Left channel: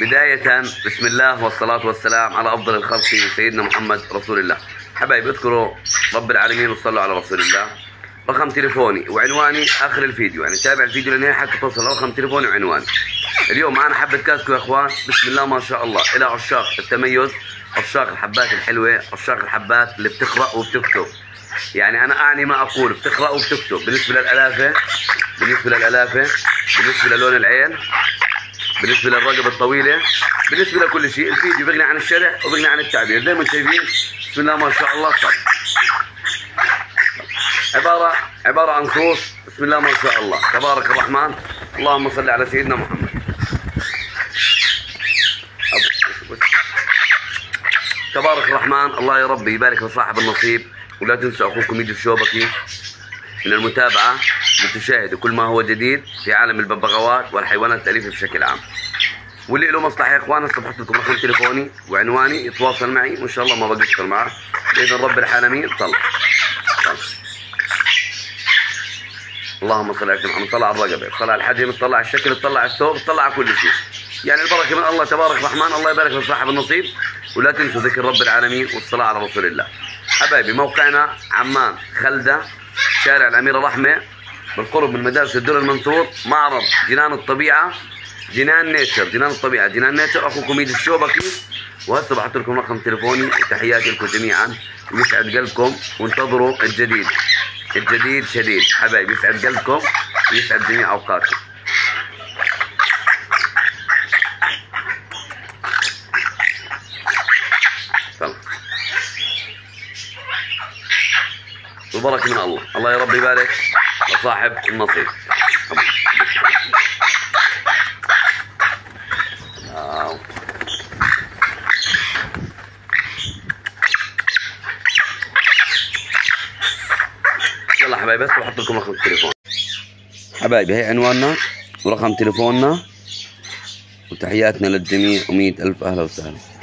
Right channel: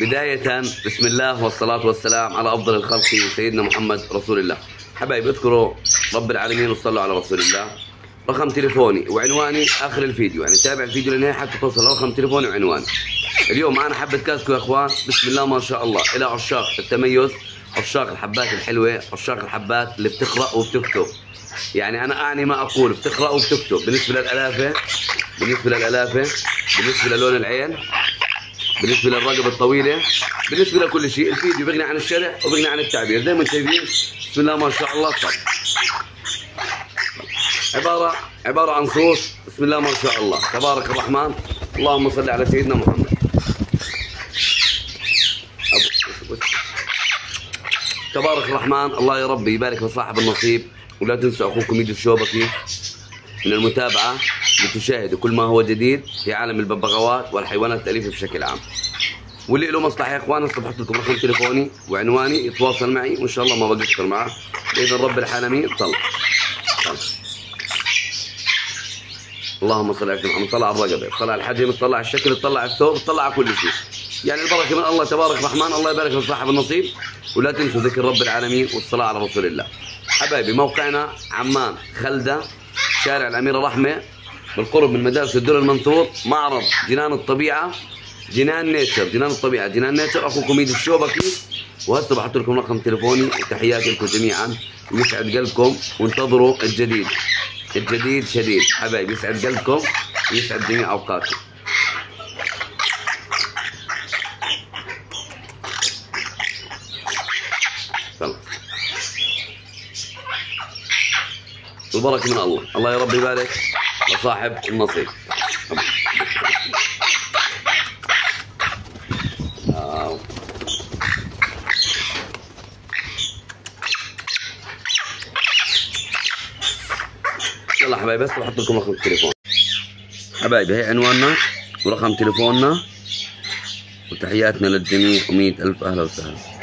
بداية بسم الله والصلاة والسلام على أفضل الخلق سيدنا محمد رسول الله. حبايبي اذكروا رب العالمين وصلوا على رسول الله. رقم تليفوني وعنواني آخر الفيديو، يعني تابع الفيديو للنهاية حتى توصل لرقم تليفوني وعنواني. اليوم معنا حبة كاسكو يا اخوان، بسم الله ما شاء الله، إلى عشاق التميز، عشاق الحبات الحلوة، عشاق الحبات اللي بتقرأ وبتكتب. يعني أنا أعني ما أقول، بتقرأ وبتكتب. بالنسبة للألافة، بالنسبة للون العين، بالنسبة للرقبة الطويلة، بالنسبة لكل شيء. الفيديو بغني عن الشرح وبغني عن التعبير، زي ما انتم شايفين بسم الله ما شاء الله. طب عبارة عن صوص، بسم الله ما شاء الله، تبارك الرحمن، اللهم صل على سيدنا محمد. تبارك الرحمن، الله يا رب يبارك لصاحب النصيب. ولا تنسوا اخوكم يجي الشوبكي من المتابعة لتشاهدوا كل ما هو جديد في عالم الببغاوات والحيوانات الأليفة بشكل عام. واللي له مصلحة يا اخوان هسه بحط لكم رقم تليفوني وعنواني، يتواصل معي وان شاء الله ما بقصر معه بإذن رب العالمين. طلع اللهم صل على محمد. طلع الرقبة، طلع الحجم، طلع الشكل، طلع الثوب، طلع كل شيء. يعني البركة من الله تبارك الرحمن. الله يبارك لصاحب النصيب. ولا تنسوا ذكر رب العالمين والصلاة على رسول الله. حبايبي موقعنا عمان خلدة، شارع الأميرة رحمة، بالقرب من مدارس الدر المنثور، معرض جنان الطبيعة، جنان الطبيعة، جنان نيتشر. أخوكم يد الشوبكي. وهسه بحط لكم رقم تليفوني وتحياتي لكم جميعا. ويسعد قلبكم وانتظروا الجديد شديد. حبايبي يسعد قلبكم ويسعد جميع أوقاتكم. والبركة من الله. الله يا رب يبارك لصاحب النصيب. يلا حبايبي بس بحط لكم رقم التليفون. حبايبي هي عنواننا ورقم تليفوننا وتحياتنا للجميع، و100 ألف أهلا وسهلا.